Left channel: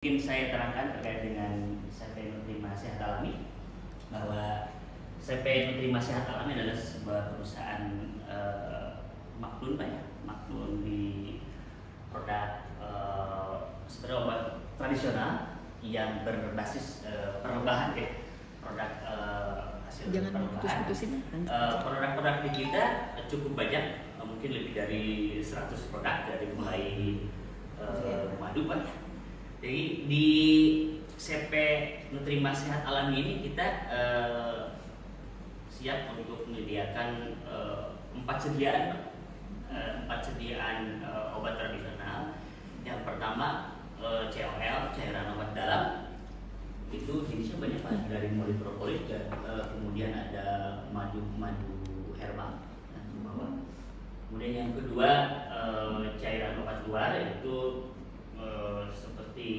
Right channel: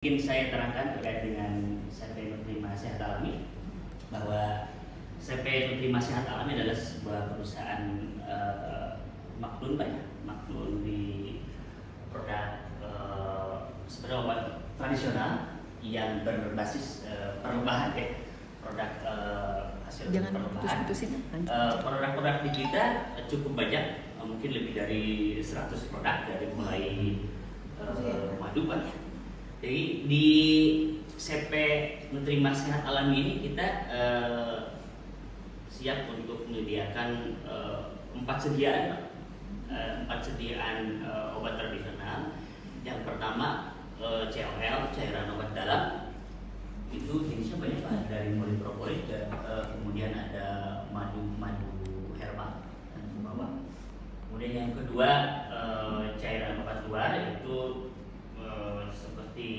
Mungkin saya terangkan terkait dengan CP Nutrima Sehat Alami, bahwa CP Nutrima Sehat Alami adalah sebuah perusahaan maknun di produk sebenarnya obat tradisional yang berbasis perlobahan produk hasil perlobahan. Produk-produk di kita cukup banyak, mungkin lebih dari 100 produk, dari mulai madu Jadi di CP Nutrima Sehat Alami ini kita siap untuk menyediakan 4 sediaan obat tradisional. Yang pertama COL, cairan obat dalam, itu jenisnya banyak Pak, dari mulai propolis dan kemudian ada madu herbal dan bawang. Kemudian yang kedua cairan obat luar, yaitu seperti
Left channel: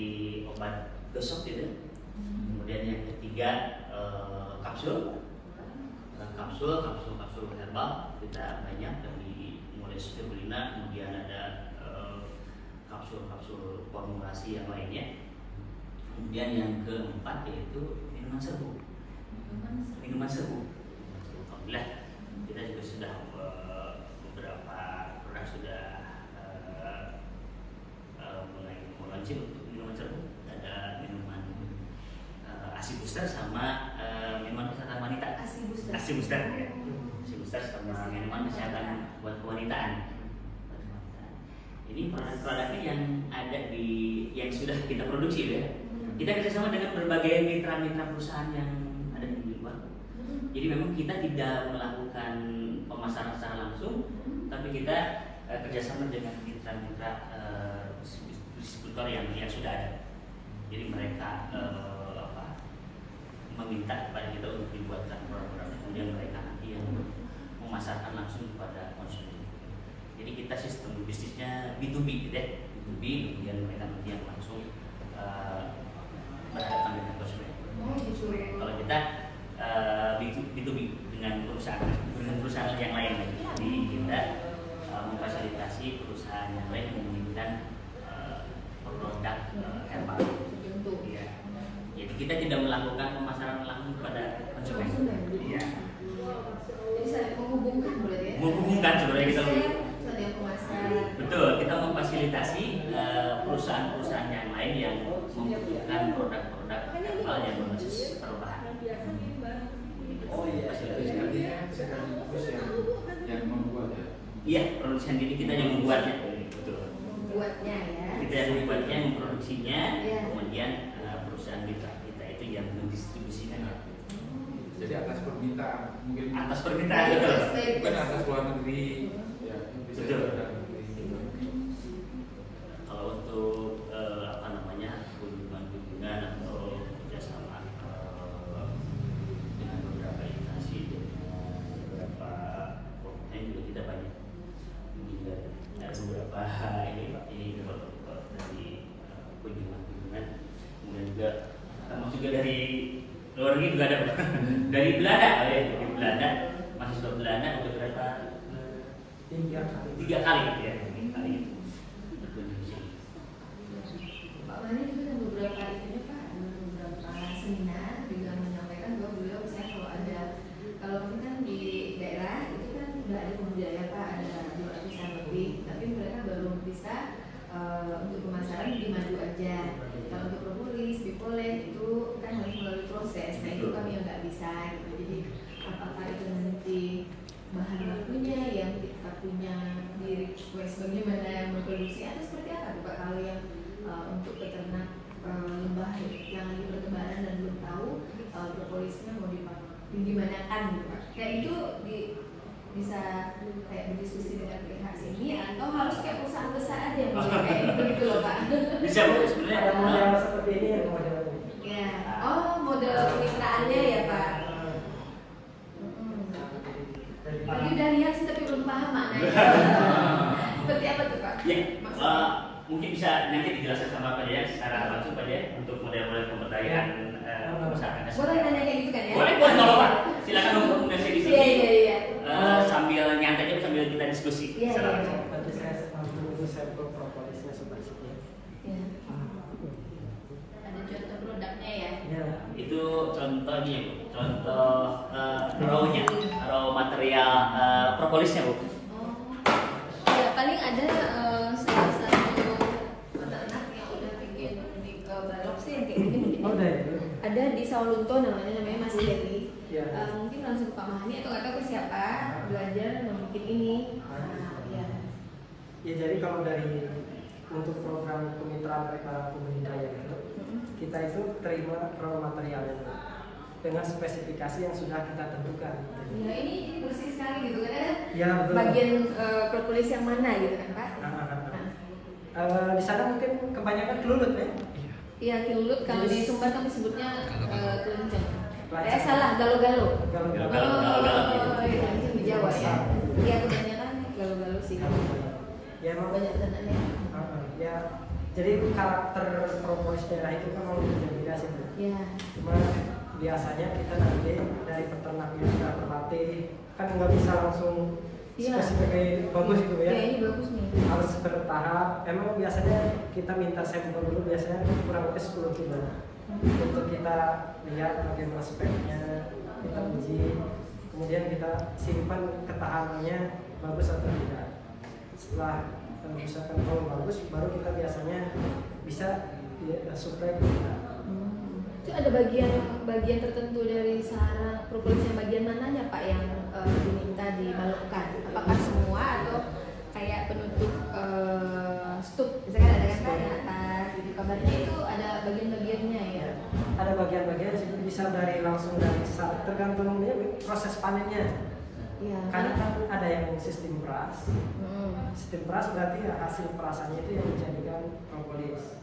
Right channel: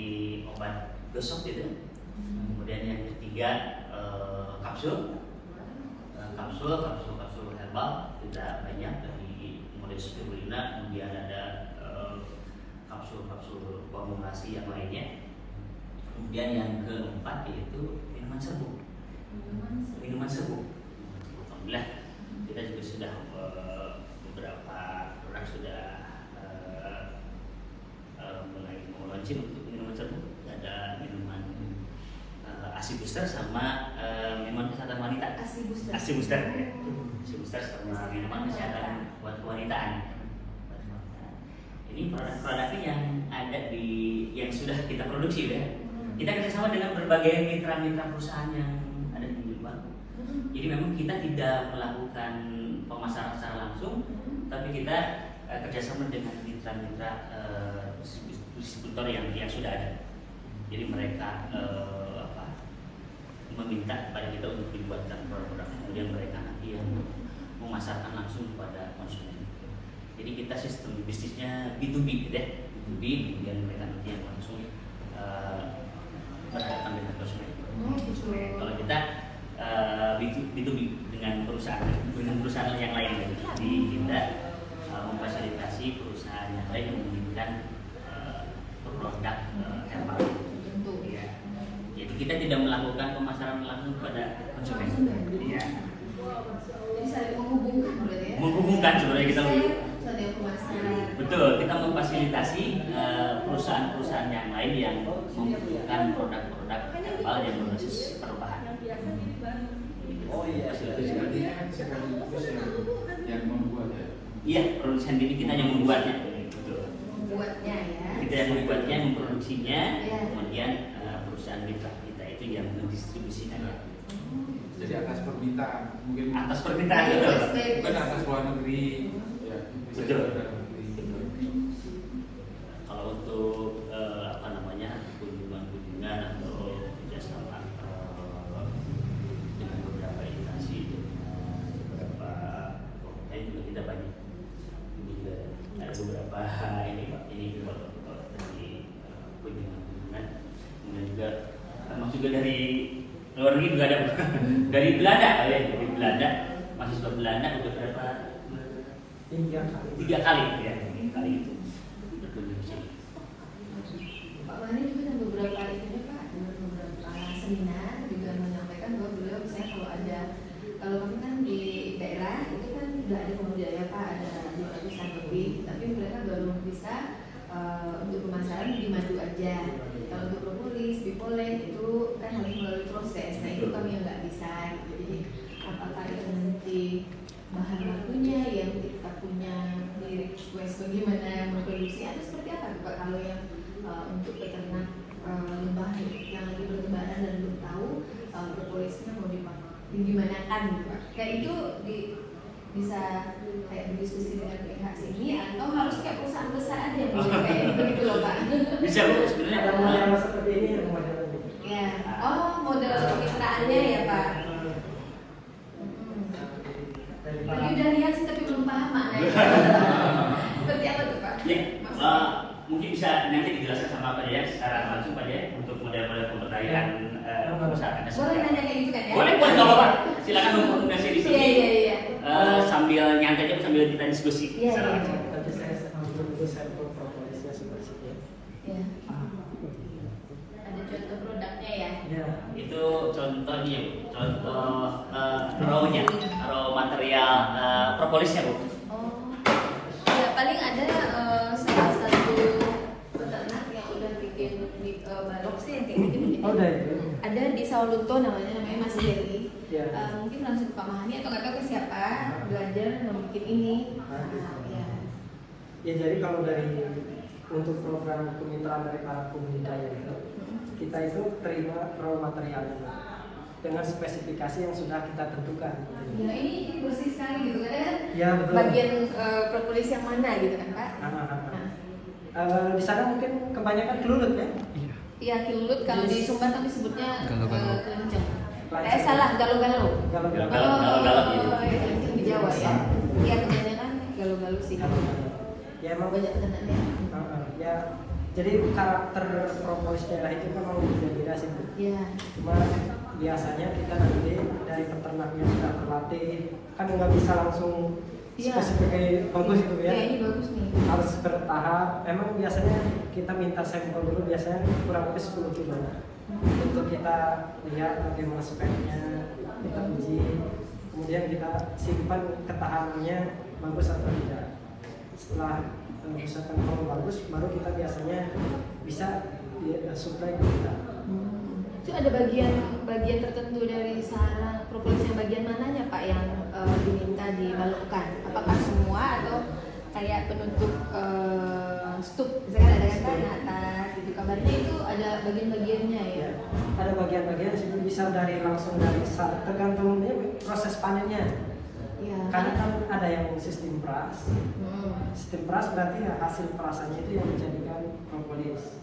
obat gosok gitu. Kemudian yang ketiga kapsul herbal, kita banyak dari mulai spirulina, kemudian ada kapsul formulasi yang lainnya. Kemudian yang keempat yaitu minuman serbuk. Alhamdulillah kita juga sudah beberapa produk sudah mulai launching untuk minuman serbuk. Ada minuman ASI Booster sama minuman kesehatan wanita. ASI Booster sama minuman kesehatan buat kewanitaan. Ini produk-produknya yang ada yang sudah kita produksi ya. Kita kerjasama dengan berbagai mitra-mitra perusahaan yang ada di luar. Jadi memang kita tidak melakukan pemasaran secara langsung, tapi kita kerjasama dengan mitra-mitra distributor yang sudah ada. Jadi mereka meminta kepada kita untuk dibuatkan produk, kemudian mereka nanti yang memasarkan langsung kepada konsumen. Jadi kita sistem bisnisnya B2B, kemudian mereka nanti yang langsung berhadapan dengan konsumen. Kalau kita B2B dengan perusahaan yang lain lagi. Jadi kita memfasilitasi perusahaan yang lain yang menginginkan produk herbal. Ya. Jadi kita tidak melakukan pemasaran langsung kepada konsumen. Iya. Jadi saling menghubungkan berarti ya? Menghubungkan sebenarnya kita. Betul, kita memfasilitasi perusahaan-perusahaan yang lain yang membutuhkan produk-produk herbal yang berbasis perubahan. Yang membuat ya? Iya, produsen ini kita yang membuatnya. Membuatnya ya? Kita yang membuatnya, memproduksinya, kemudian perusahaan mitra kita itu yang mendistribusikannya. Jadi atas permintaan, mungkin atas permintaan betul. Bukan atas luar negeri, ya bisa betul. Dalam negeri. Kalau untuk kunjungan atau kerjasama dengan beberapa instansi, beberapa juga tidak banyak. Juga ada beberapa ini dari kunjungan, kemudian juga termasuk juga dari luar negeri juga ada. Dari Belanda, mahasiswa Belanda beberapa 3 kali ya, 3 kali itu berkunjung di sini. Pak Wani juga ada beberapa seminar juga menyampaikan bahwa beliau misalnya kalau kami kan di daerah itu kan sudah ada pemuda ya Pak, ada 200-an lebih, tapi mereka baru bisa untuk pemasaran di madu aja. Kalau untuk propolis, bipolen itu kan harus melalui proses. Nah itu kami yang nggak bisa. Gitu. Jadi apakah itu nanti bahan bakunya yang kita punya lirik bagaimana memproduksi atau seperti apa Pak kalau yang untuk peternak limbah yang lagi bertebaran dan belum tahu propolisnya mau dimanakan gitu Pak. Kayak itu bisa kayak berdiskusi dengan pihak sini atau harus kayak perusahaan besar aja yang bisa kayak gitu loh Pak. Bisa sebenarnya ada model seperti ini ya model. Ya, model kemitraannya ya Pak. Jadi udah lihat sih tapi belum paham maknanya. Seperti apa tuh Pak? Ya, mungkin bisa nanti dijelaskan sama Pak Jaya secara langsung Pak Jaya untuk model-model pemberdayaan perusahaan. Boleh nanya kayak gitu kan ya? Boleh Pak. Silakan dokumentasi di sini. Iya. Sambil nyantai aja sambil kita diskusi. Iya. Tadi saya langsung sampel propolisnya seperti itu. Iya. itu contohnya, contoh raw material propolisnya Bu. Ya paling ada salah satu peternak yang udah bikin balok sih yang kayak gini. Oh, udah. Ada di Sawalunto namanya Mas Dewi. Iya. Mungkin langsung ke Kak Mahani atau nggak tahu ke siapa belajar membuat ini. Ya. Ya jadi kalau dari untuk program kemitraan dari para pembudidaya itu, kita itu terima raw material itu dengan spesifikasi yang sudah kita tentukan. Ya ini bersih sekali gitu kan? Ya betul. Bagian propolis yang mana gitu kan Kak? Di sana mungkin kebanyakan kelulut ya. Iya kelulut, kalau di Sumbar kan disebutnya kelenjar. Pelacak. Salah, galo-galo. Galo-galo. Di Jawa ya. Iya kebanyakan galo-galo sih. Ya emang Banyak tandanya. ya jadi karakter propolis daerah itu kan memang beda-beda sih Bu. Iya. Cuma biasanya kita nanti dari peternaknya sudah terlatih, kan nggak bisa langsung spesifik bagus gitu ya. Iya, ini bagus nih. Harus bertahap. Emang biasanya kita minta sampel dulu, biasanya kurang lebih 10 kilo untuk kita lihat bagaimana speknya, kita uji, kemudian kita simpan ketahanannya bagus atau tidak. Setelah misalkan kalau bagus, baru kita biasanya bisa supply ke kita. Itu ada bagian tertentu dari sarang propolisnya, bagian mananya Pak yang diminta dibalokkan? Apakah semua atau kayak penutup stup? Misalkan ada kan di atas, gitu kabarnya itu ada bagian-bagiannya ya? Ada bagian-bagian bisa dari langsung dari tergantung proses panennya. Iya. Karena kan ada yang sistem peras. Sistem peras berarti ya hasil perasannya itu yang menjadikan propolis.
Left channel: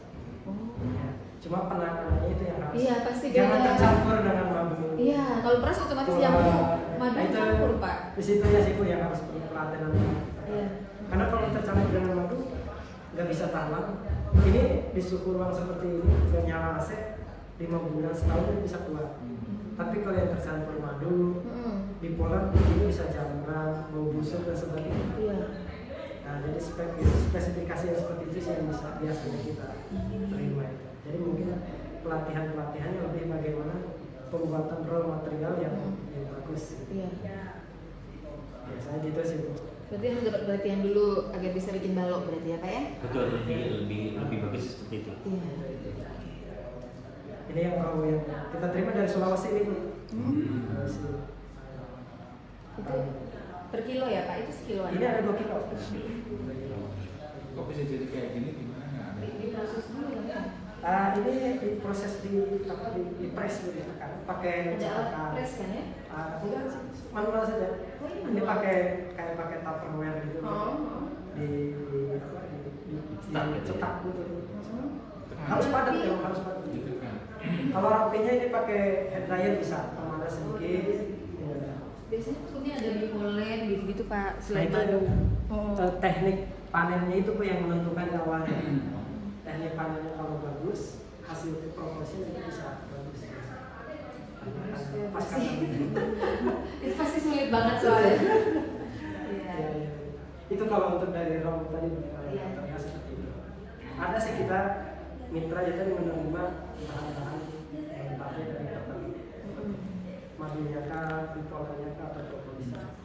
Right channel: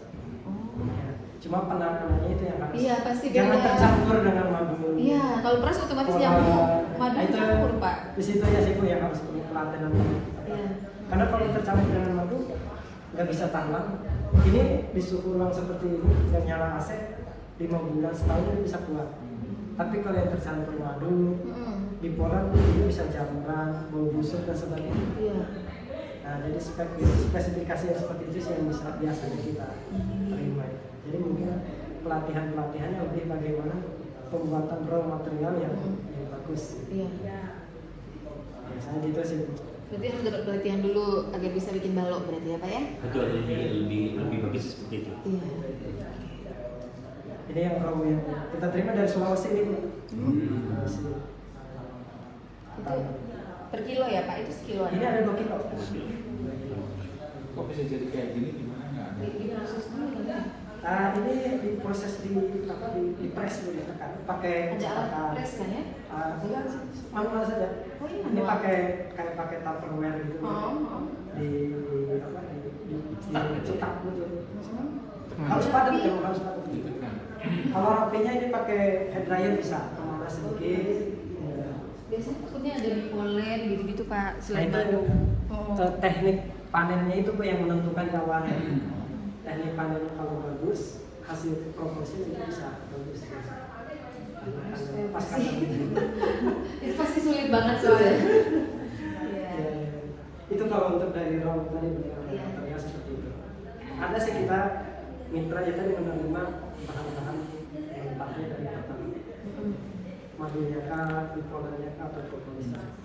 Ya. Cuma penakanannya itu yang harus. Iya pasti. Jangan tercampur dengan madu. Iya, kalau peras otomatis jamu madu itu campur Pak. Di situ ya sih Bu yang harus perlu pelatihan. Iya. Karena kalau tercampur dengan madu nggak bisa tahan lama. Ini di suhu ruang seperti ini dan nyala AC 5 bulan setahun itu bisa kuat. Tapi kalau yang tercampur madu di Poland ini bisa jamuran, bau busuk dan sebagainya. Iya. Nah, jadi spesifikasi yang seperti itu sih yang bisa biasanya kita terima. Jadi mungkin pelatihannya lebih bagaimana pembuatan raw material yang bagus. Iya. Biasanya gitu sih. Berarti harus dapat pelatihan dulu agar bisa bikin balok berarti ya Pak ya? Betul, lebih bagus seperti itu. Iya. Ini yang raw yang kita terima dari Sulawesi ini Bu. Itu per kilo ya Pak? Itu sekiloan? Ini ada 2 kilo. Kok bisa jadi kayak gini gimana nggak? Di proses dulu ya? Ini diproses di press dulu ditekan pakai cetakan. Press kan ya? Enggak sih, manual saja. Ini pakai tupperware gitu. Di cetak gitu. Harus padat ya, harus padat. Kalau rapinya ini pakai hair dryer bisa, pemanas sedikit. Biasanya maksudnya ada di molen gitu Pak. Nah itu teknik panennya itu Bu yang menentukan awalnya. Teknik panennya kalau bagus, hasil proporsi itu bisa bagus. Itu pasti sulit banget soalnya. Iya. Itu kalau untuk dari raw tadi benar seperti itu. Ada sih kita mitra ya tadi menerima bahan-bahan mentahnya dari petani. Madunya kah, bipolarnya kah, atau propolisnya.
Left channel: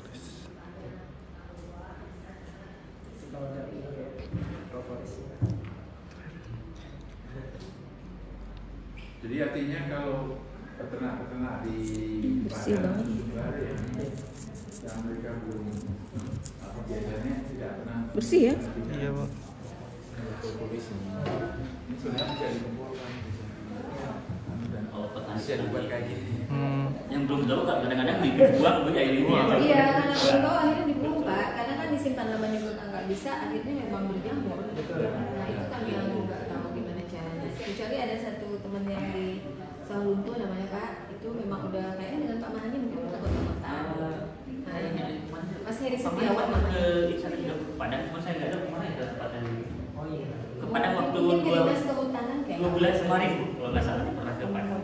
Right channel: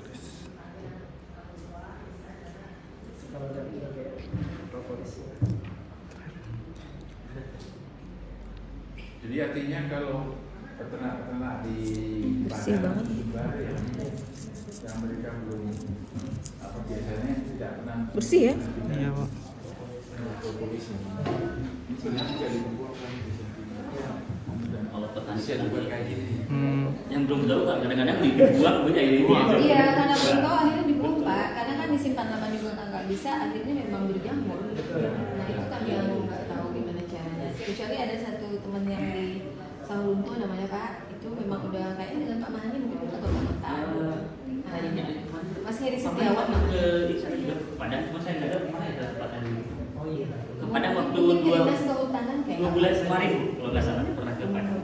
Kalau dari propolisnya. Jadi artinya kalau peternak-peternak di Padang sudah yang mereka belum biasanya tidak pernah bersih ya? Iya Pak. propolis ini sebenarnya tidak dikumpulkan dan Kalau petani bisa dibuat kayak gini. yang belum tahu kan kadang-kadang dibuang punya ini. Iya, karena belum tahu akhirnya dibuang Pak. Karena kan disimpan namanya juga nggak bisa, akhirnya memang berjamur. Nah itu kan yang nggak tahu gimana caranya. Kecuali ada satu teman yang di Sawalunto namanya Pak, itu memang udah kayaknya dengan Pak Mahani mungkin udah kota-kota. Mas Heri Setiawan namanya. Ke Padang, cuma saya nggak tahu kemana ya tempatan ini. Oh iya. Ke Padang waktu Mungkin ke dinas kehutanan kayak. 2 bulan kemarin kalau nggak salah pernah ke Padang.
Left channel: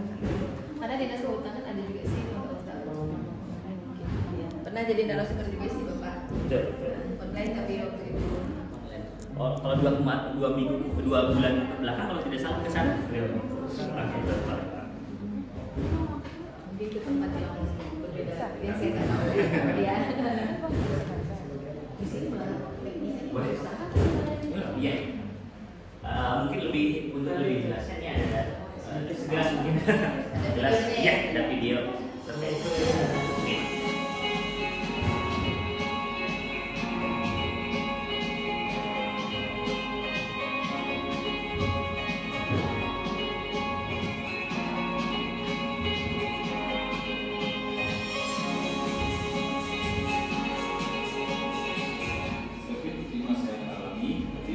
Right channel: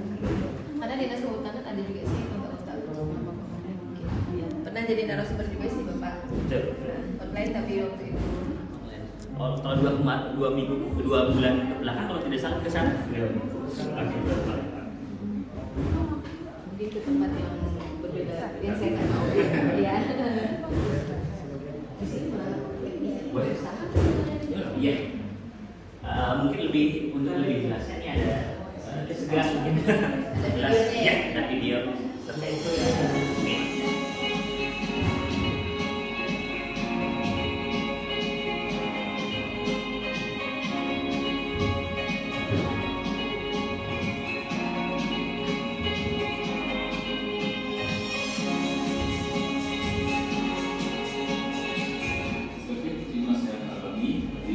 Ada dinas kehutanan ada juga sih kalau nggak tahu nama Pak Mahani mungkin. Iya. Pernah jadi narasumber juga sih Pak. Online tapi waktu itu. Kalau 2 bulan belakang kalau tidak salah ke sana. segelas mungkin. Segelas, ya, ada video. Seperti itu.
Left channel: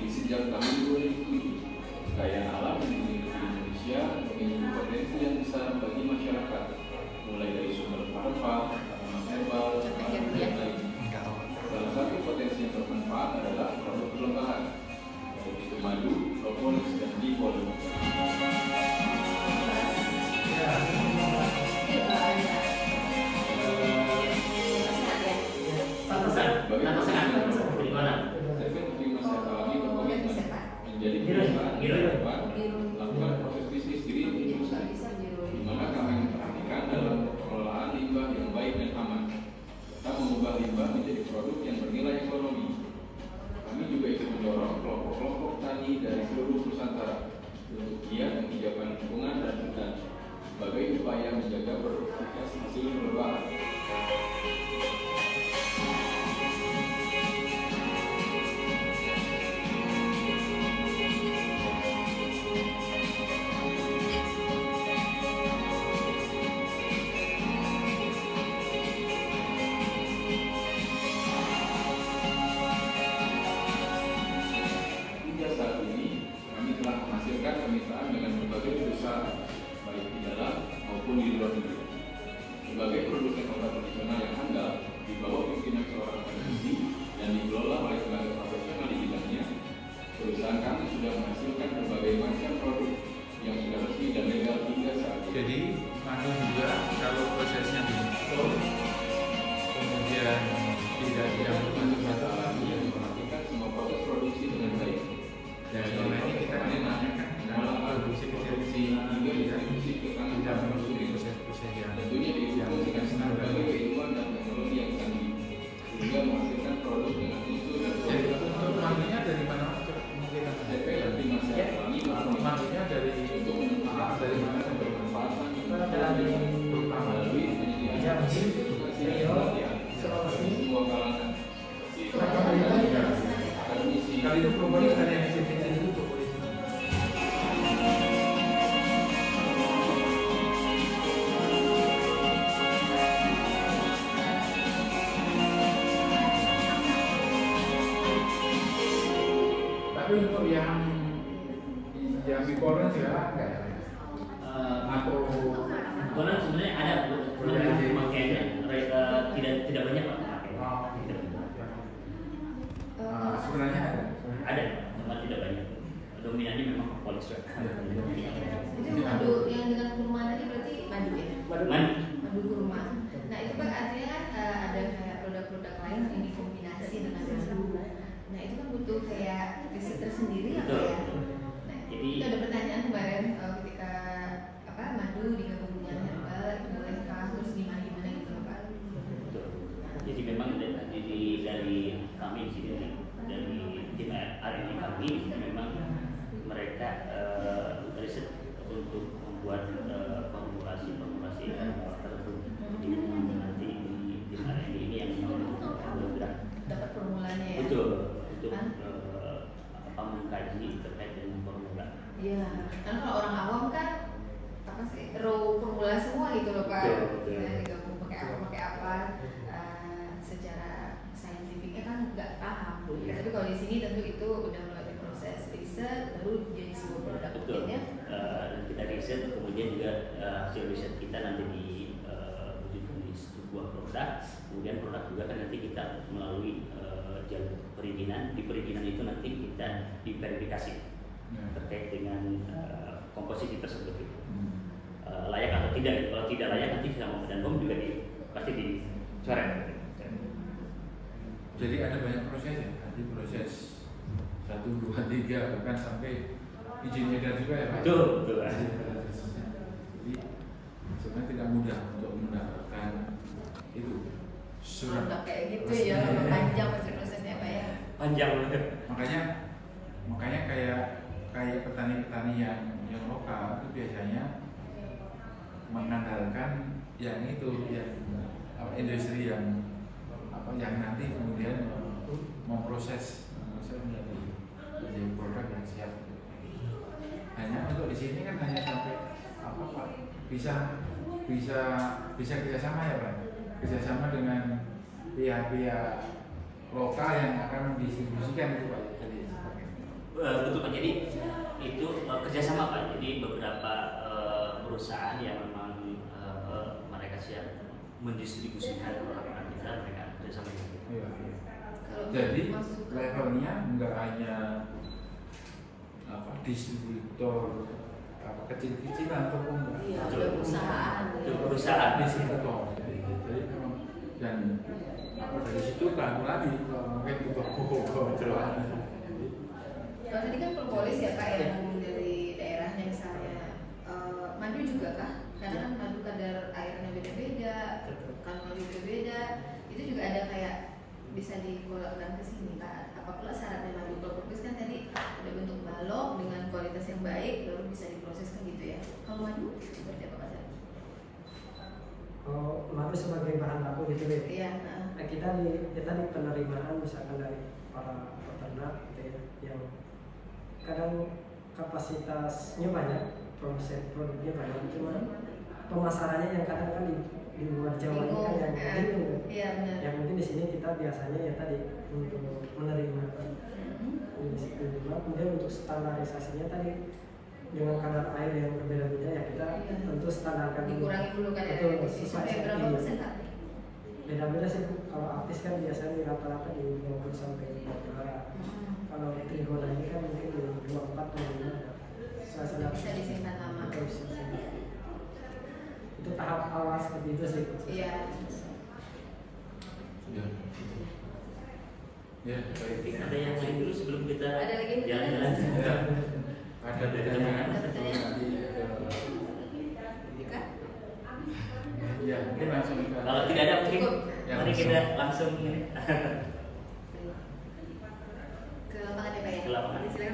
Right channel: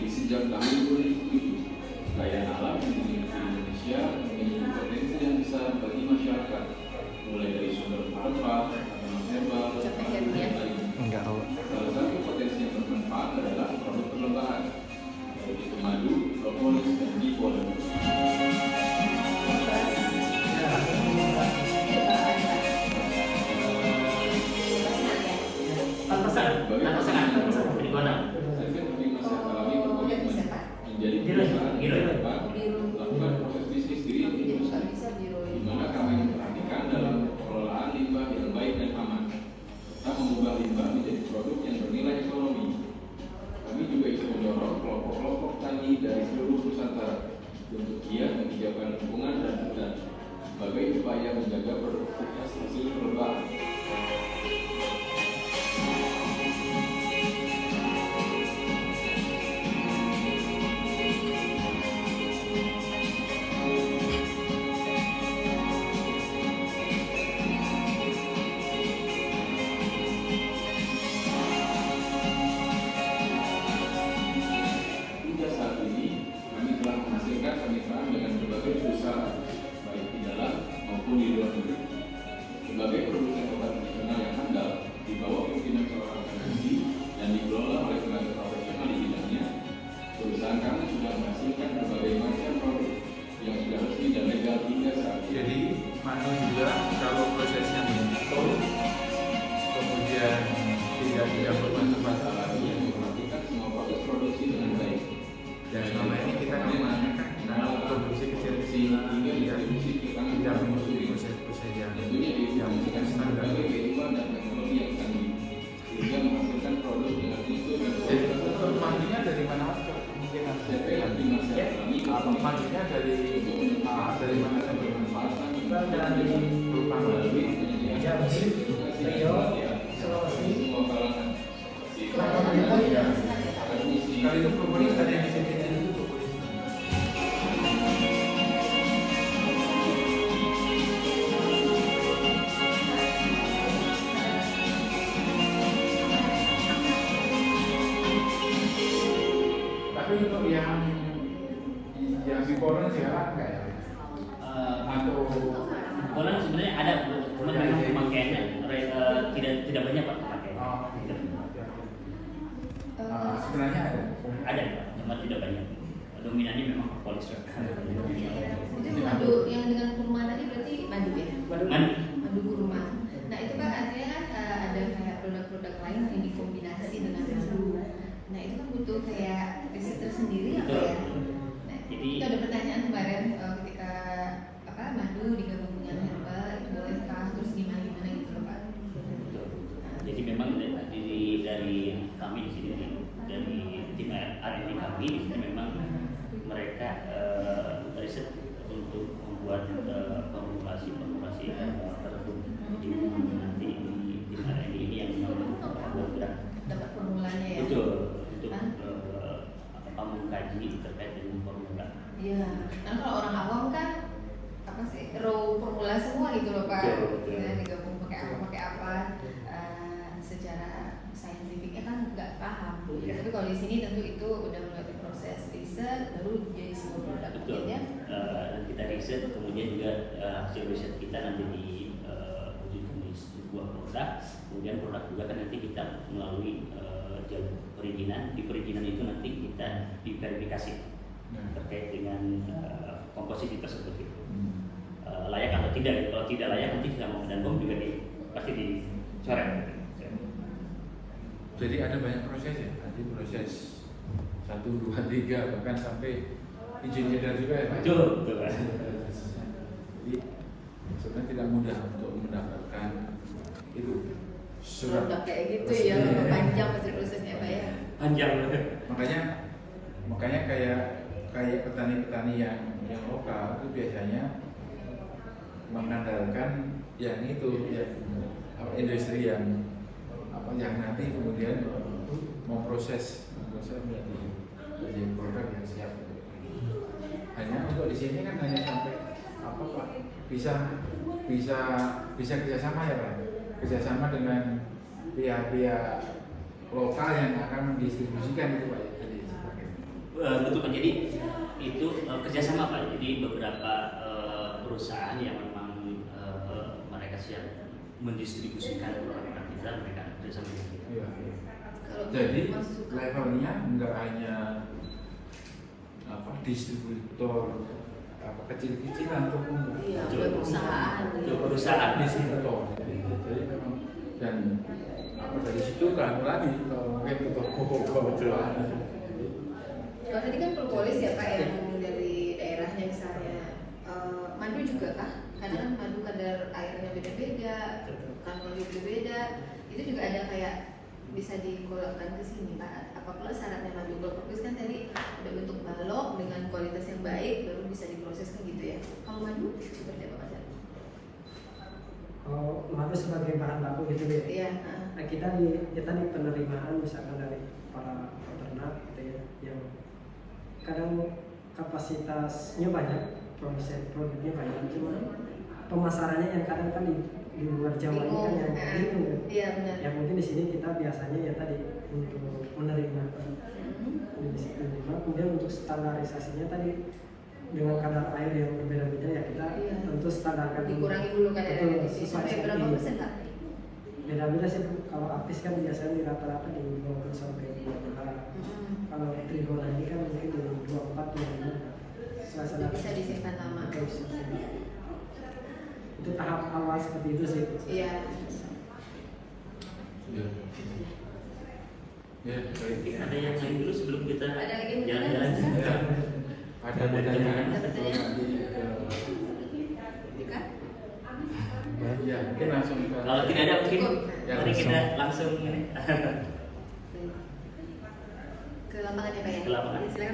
Sejak tahun 2007, kekayaan alam yang dimiliki Indonesia memiliki potensi yang besar bagi masyarakat, mulai dari sumber rempah, tanaman herbal, madu, dan lainnya. Salah satu potensi yang bermanfaat adalah produk perlembahan, yaitu madu, propolis, dan dipol. Menjadi perusahaan di depan melakukan proses bisnis green industry, di mana kami memperhatikan dalam pengelolaan limbah yang baik dan aman, serta mengubah limbah menjadi produk yang bernilai ekonomi. Kami juga ikut mendorong kelompok-kelompok tani dari seluruh Nusantara untuk giat menghijaukan lingkungan dan hutan sebagai upaya menjaga produktivitas hasil perlembahan. Kemitraan dengan berbagai perusahaan baik di dalam maupun di luar negeri. Sebagai produsen obat nasional yang handal di bawah pimpinan seorang akademisi dan dikelola oleh tenaga profesional di bidangnya, perusahaan kami sudah menghasilkan berbagai macam produk yang sudah resmi dan legal hingga saat ini. Jadi nanti juga kalau prosesnya dihitung, kemudian tidak bermasalah yang memperhatikan semua proses produksi dengan baik. Dan kita produksi kecil hingga distribusi ke tangan konsumen. Tentunya diinformasikan sebagai kehidupan dan teknologi yang canggih, sehingga menghasilkan produk dengan mutu dan kualitas. Mandinya dari mana? CP nanti masih kami mandinya dari untuk bermanfaatan semua kalangan. Kalau itu komponen dari untuk yang diborong juga makro Bolang sebenarnya ada, cuma memang pemakaiannya tidak banyak Pak pemakaiannya. Tidak banyak. sebenarnya Ada, cuma tidak banyak. Dominannya memang propolis. Itu madu yang dengan kurma tadi berarti madu ya? Madu kurma. Nah itu kan artinya kan ada kayak produk-produk lain yang dikombinasi dengan madu. Nah itu kan butuh kayak riset tersendiri apa ya? Nah, jadi itu ada pertanyaan kemarin ketika madu digabung dengan herbal itu boleh kah? Terus gimana gitu Pak? Jadi memang dari kami di sini, dari tim R&D kami di sini memang mereka riset untuk membuat formulasi tertentu di nanti di tim R&D ini yang bergerak Dapat formulanya ya? betul untuk mengkaji terkait dengan formula. Iya. Nah kalau orang awam kan apa sih raw formula semua gitu loh Pak. Betul. Nah, digabung pakai apa secara saintifiknya kan nggak paham. Tapi kalau di sini tentu itu udah melalui proses riset baru jadi sebuah produk. Betul. Dan kita riset kemudian juga hasil riset kita nanti diwujudkan di sebuah produk. Kemudian produk juga kan nanti kita melalui jalur perizinan. Di perizinan itu nanti kita diverifikasi terkait dengan komposisi tersebut itu. Layak atau tidak. Kalau tidak layak nanti sama dan bom juga pasti dicoret. jadi ada banyak proses ya, nanti proses 1, 2, 3 bahkan sampai izin edar juga ya Pak? Betul. Jadi sebenarnya tidak mudah untuk mendapatkan itu surat. Kayak gitu ya, panjang prosesnya Pak ya. Panjang. Makanya kayak petani-petani yang lokal itu biasanya mengandalkan yang itu, yang industri yang nanti kemudian memproses menjadi produk yang siap. Hanya untuk di sini kan hanya sampai Pak, bisa kerjasama ya Pak, kerjasama dengan pihak-pihak lokal yang akan mendistribusikan itu Pak. Betul Pak, jadi itu kerjasama Pak, jadi beberapa perusahaan yang memang mereka siap mendistribusikan produk kita, mereka kerjasama dengan kita. Iya. Jadi levelnya nggak hanya distributor kecil-kecilan ataupun perusahaan distributor. Jadi memang dan dari situ lagi mungkin untuk kalau tadi kan propolis ya Pak yang dari daerahnya misalnya madu juga kah? Karena kan madu kadar airnya beda-beda, kandungannya beda-beda, itu juga ada kayak bisa dikolakkan ke sini Pak. Apakah syaratnya madu propolis kan tadi ada bentuk balok dengan kualitas yang baik baru bisa diproses kan gitu ya. Kalau madu seperti apa Pak? Kalau madu sebagai bahan baku gitu deh. Iya. Nah, kita di penerimaan misalkan dari para peternak gitu ya, yang kadang kapasitasnya banyak, produknya banyak, cuman pemasarannya yang kadang kan di luar Jawa ini kan yang bingung. Iya benar. Yang mungkin di sini kita biasanya ya tadi untuk menerima kemudian untuk standarisasinya tadi dengan kadar air yang berbeda-beda ya kita tentu standarkan dikurangi dulu kadarnya sampai berapa persen Pak? Beda-beda sih Bu. Kalau apis kan biasanya di rata-rata di 20 sampai 25. Kalau trigona ini kan mungkin di 24 25. Bisa disimpan lama. Itu tahap awal seperti itu sih. Iya. Ya, baik. Ada yang lain dulu sebelum kita jalan-jalan. Ada pertanyaan? Ya, mungkin langsung. Kalau tidak ada mungkin mari kita langsung ini ke lapangan ya Pak ya. Ke lapangan. Silakan.